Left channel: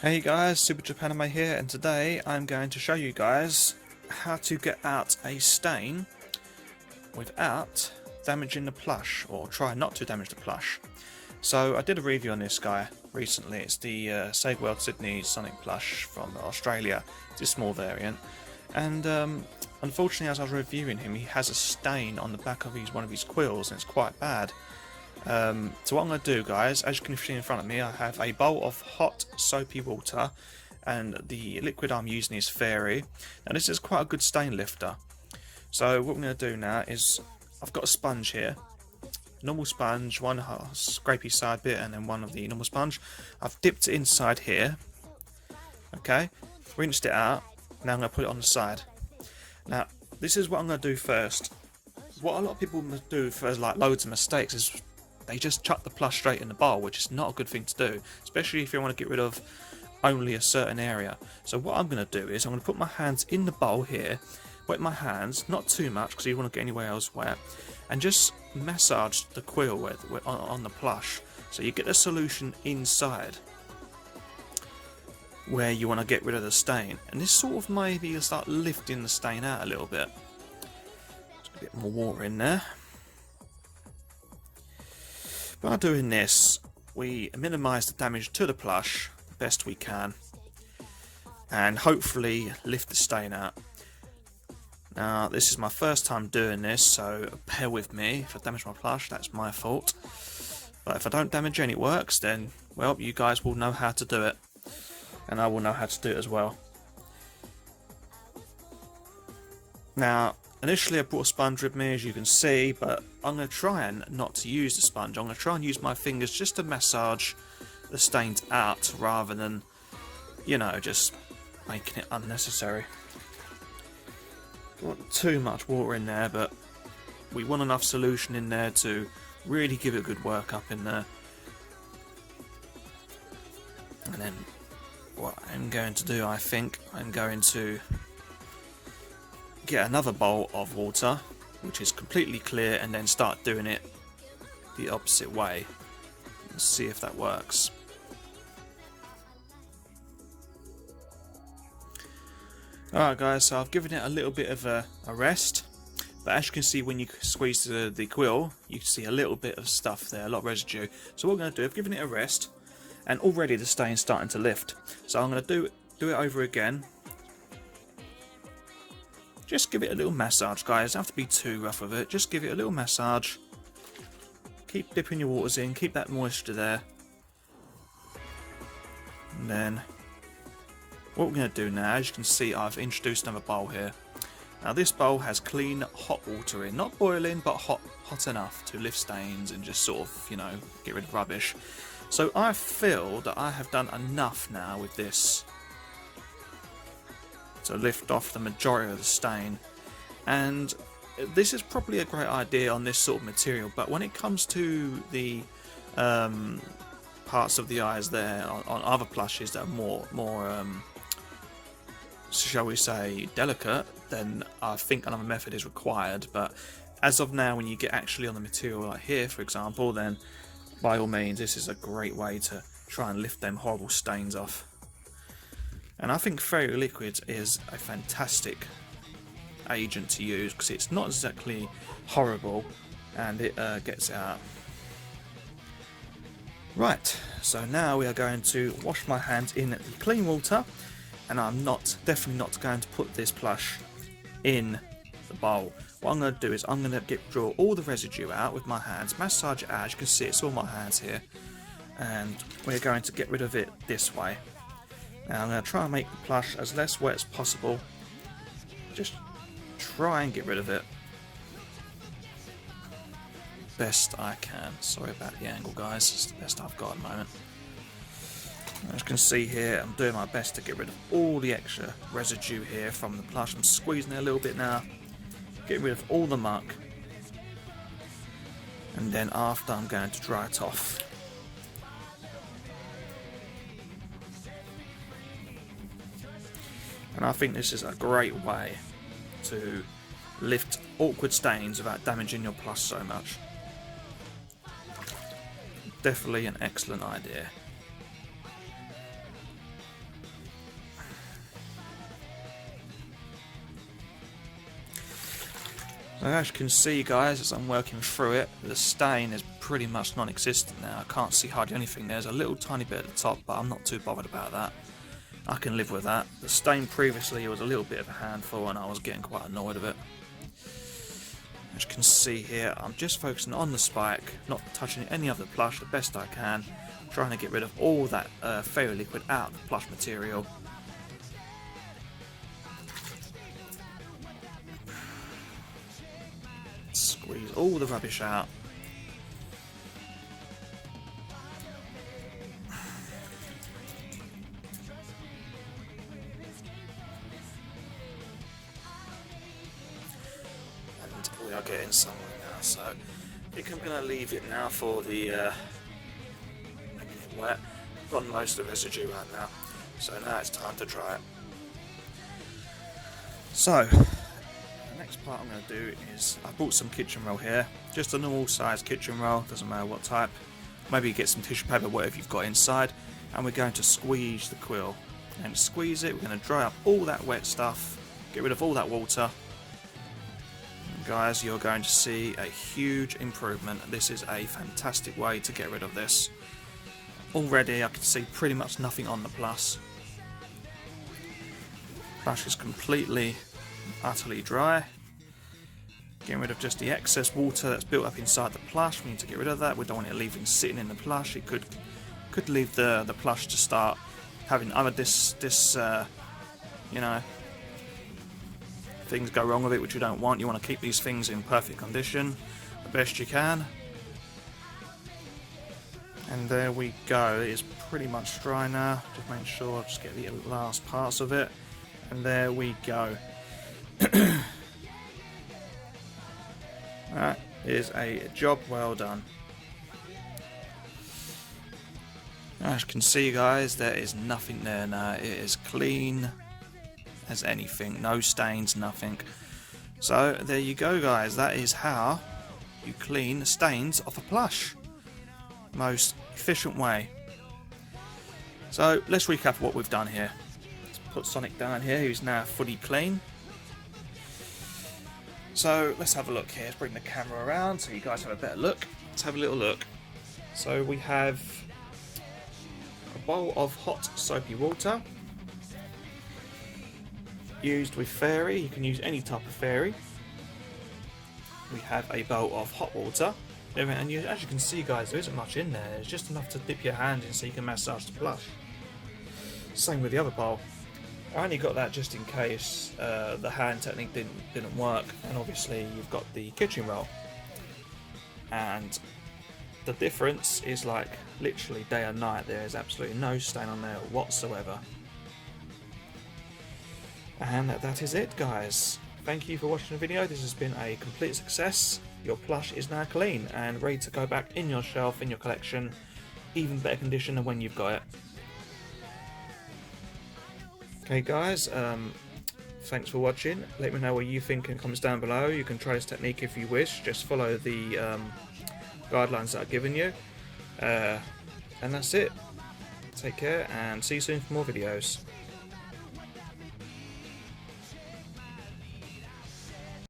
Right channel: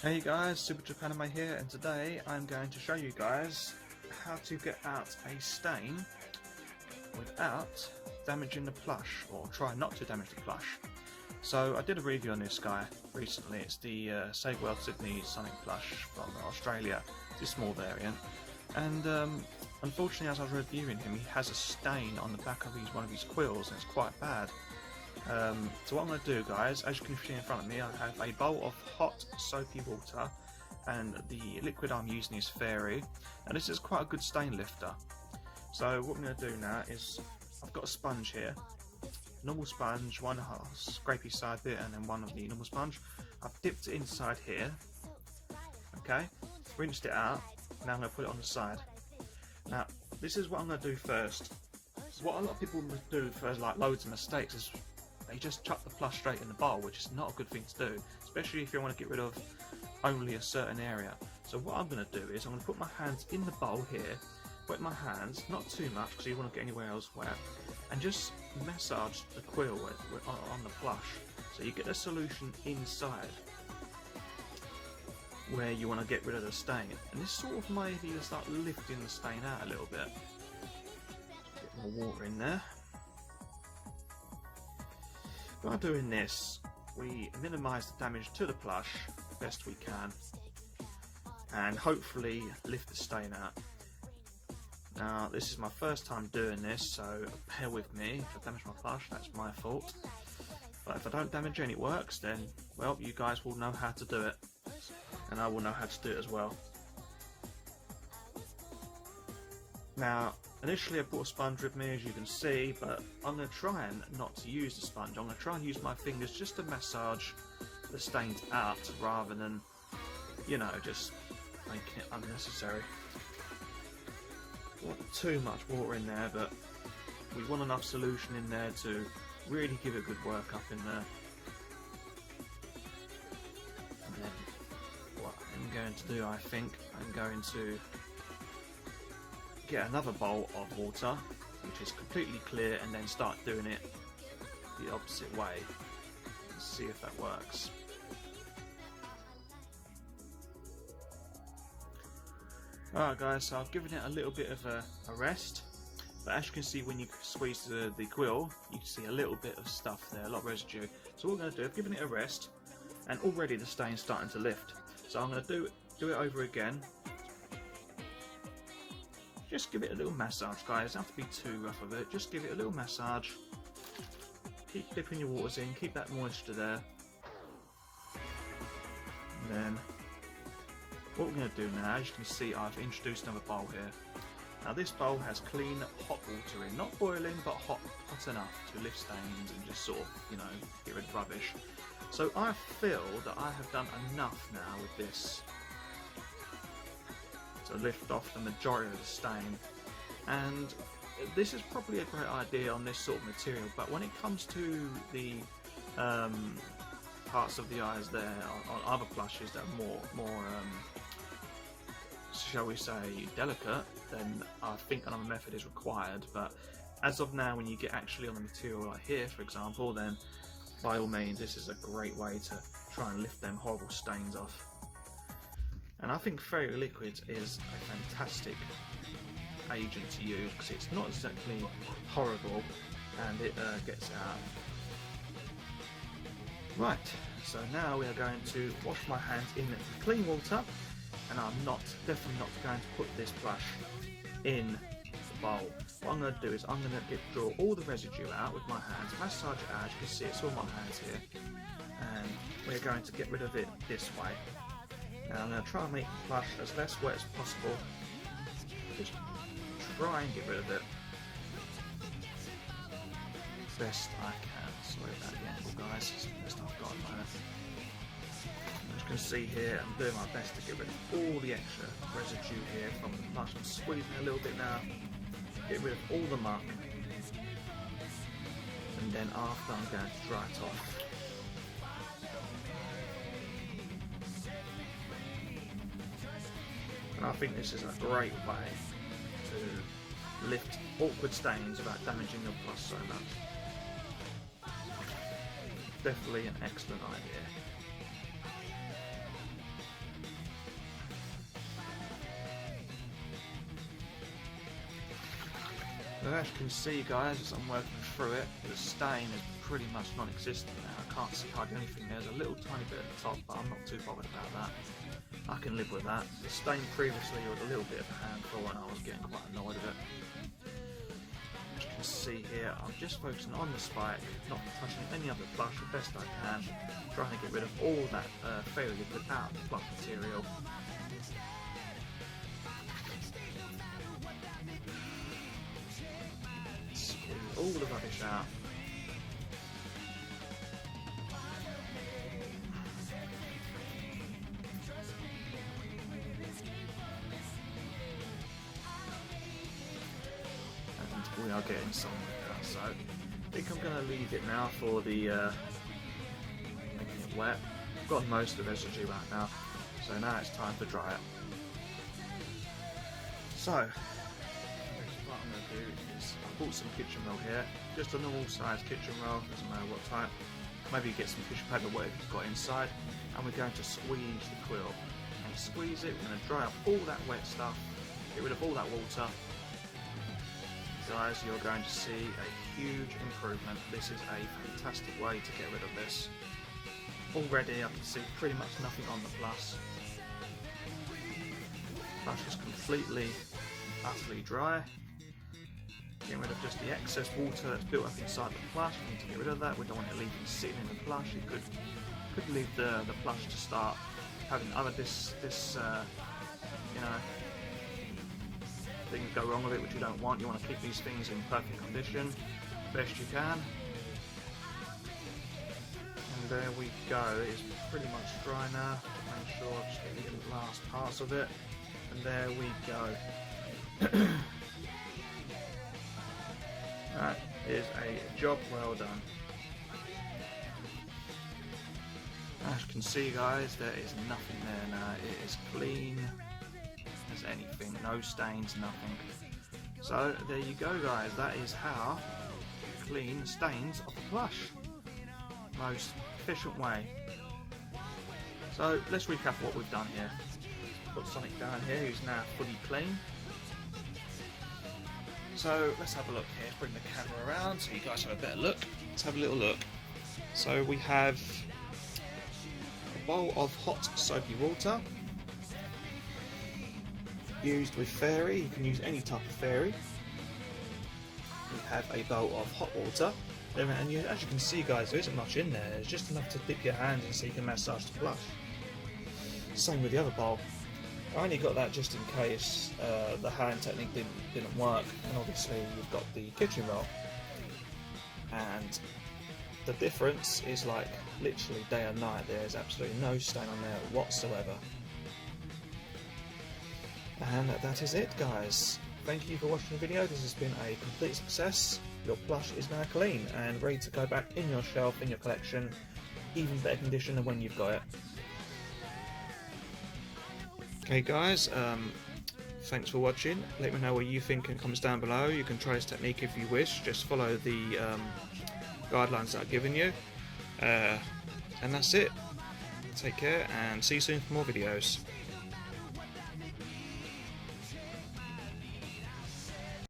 Hey guys, Super Japanime here, and today I'm going to show you guys how to get out a stain without damaging the plush, or try not to damage the plush. So I did a review on this guy recently. It's the Saviour Sydney Sonic plush from Australia. It's a small variant, and unfortunately as I was reviewing him, he has a stain on the back of one of his quills, and it's quite bad. So what I'm going to do, guys, as you can see in front of me, I have a bowl of hot soapy water, and the liquid I'm using is Fairy. Now this is quite a good stain lifter. So what I'm going to do now is, I've got a sponge here, normal sponge, one scrapey side bit and then one of the normal sponge. I've dipped it inside here, okay, rinsed it out. Now I'm going to put it on the side. Now this is what I'm going to do first. What a lot of people do for like loads of mistakes is they just chuck the plush straight in the bowl, which is not a good thing to do, especially if you want to get rid of only a certain area. So what I'm going to do is I'm going to put my hands in the bowl here, wet my hands, not too much because you don't want to get anywhere else wet, and just massage the quill on the plush, so you get the solution inside where you want to get rid of the stain, and this sort of maybe start lifting the stain out a little bit. Just a bit more water in there. By doing this, we minimise the damage to the plush the best we can, and hopefully lift the stain out. Now this is my first time doing this, so bear with me. If I damage my plush, that's my fault. But if I don't damage any works, then well, you guys will know how to do it, and I will know how to do it as well. Now initially I brought a sponge with me, as you can see, but I'm going to try and not to use the sponge. I'm going to try and use my fingers just to massage the stains out, rather than, you know, just making it unnecessary. Not too much water in there, but we want enough solution in there to really give it a good work up in there. And then what I'm going to do, I think I'm going to get another bowl of water which is completely clear, and then start doing it the opposite way. Let's see if that works. Alright guys, so I've given it a little bit of a rest, but as you can see when you squeeze the quill, you can see a little bit of stuff there, a lot of residue. So what I'm going to do, I've given it a rest, and already the stain's starting to lift. So I'm going to do it over again. Just give it a little massage, guys. Don't have to be too rough with it. Just give it a little massage. Keep dipping your waters in. Keep that moisture there. And then what we're going to do now, as you can see, I've introduced another bowl here. Now this bowl has clean hot water in. Not boiling, but hot enough to lift stains and just sort of, you know, get rid of rubbish. So I feel that I have done enough now with this to lift off the majority of the stain, and this is probably a great idea on this sort of material, but when it comes to the parts of the eyes there on other plushes that are more shall we say delicate, then I think another method is required. But as of now, when you get actually on the material like here for example, then by all means this is a great way to try and lift them horrible stains off. And I think Fairy Liquid is a fantastic agent to use because it's not exactly horrible, and it gets it out. Right, so now we are going to wash my hands in the clean water, and I'm definitely not going to put this plush in the bowl. What I'm going to do is I'm going to draw all the residue out with my hands, massage it out. As you can see, it's all my hands here, and we're going to get rid of it this way. Now I'm going to try and make the plush as less wet as possible. Just try and get rid of it best I can. Sorry about the angle, guys, it's the best I've got at the moment. As you can see here, I'm doing my best to get rid of all the extra residue here from the plush. I'm squeezing it a little bit now, getting rid of all the muck, and then after I'm going to dry it off. And I think this is a great way to lift awkward stains without damaging your plush so much. Definitely an excellent idea. As you can see guys, as I'm working through it, the stain is pretty much non-existent now. I can't see hardly anything. There's a little tiny bit at the top, but I'm not too bothered about that. I can live with that. The stain previously was a little bit of a handful and I was getting quite annoyed with it. As you can see here, I'm just focusing on the spike, not touching any of the plush the best I can, trying to get rid of all that fairy liquid out of the plush material. Squeeze all the rubbish out. And we are getting some now, so I think I'm going to leave it now for the wet. I've got most of the residue right now, so now it's time to dry it. So what I'm going to do is, I bought some kitchen roll here, just a normal size kitchen roll, doesn't matter what type. Maybe get some tissue paper, whatever you've got inside, and we're going to squeeze the quill. And squeeze it, we're going to dry up all that wet stuff, get rid of all that water. And guys, you're going to see a huge improvement. This is a fantastic way to get rid of this. Already I can see pretty much nothing on the plush. Plush is completely, utterly dry. Getting rid of just the excess water that's built up inside the plush. We need to get rid of that. We don't want it leaving sitting in the plush. It could leave the plush to start having other you know, things go wrong with it, which you don't want. You want to keep these things in perfect condition the best you can. And there we go. It's pretty much dry now. Just make sure I just get the last parts of it. And there we go. That is a job well done. As you can see guys, there is nothing there now. It is clean as anything, no stains, nothing. So there you go guys, that is how you clean the stains off a plush. Most efficient way. So let's recap what we've done here. Let's put Sonic down here, who's now fully clean. So let's have a look here. Let's bring the camera around so you guys have a better look. Let's have a little look. So we have a bowl of hot soapy water used with fairy. You can use any type of fairy. We have a bowl of hot water, and as you can see guys, there isn't much in there. It's just enough to dip your hand in so you can massage the plush. Same with the other bowl. I only got that just in case the hand technique didn't work, and obviously you've got the kitchen roll, and the difference is like literally day and night. There is absolutely no stain on there whatsoever. And that is it guys. Thank you for watching the video. This has been a complete success. Your plush is now clean and ready to go back in your shelf, in your collection, even better condition than when you've got it. Okay guys, thanks for watching. Let me know what you think in the comments down below. You can try this technique if you wish. Just follow the guidelines that I've given you. And that's it. Take care and see you soon for more videos.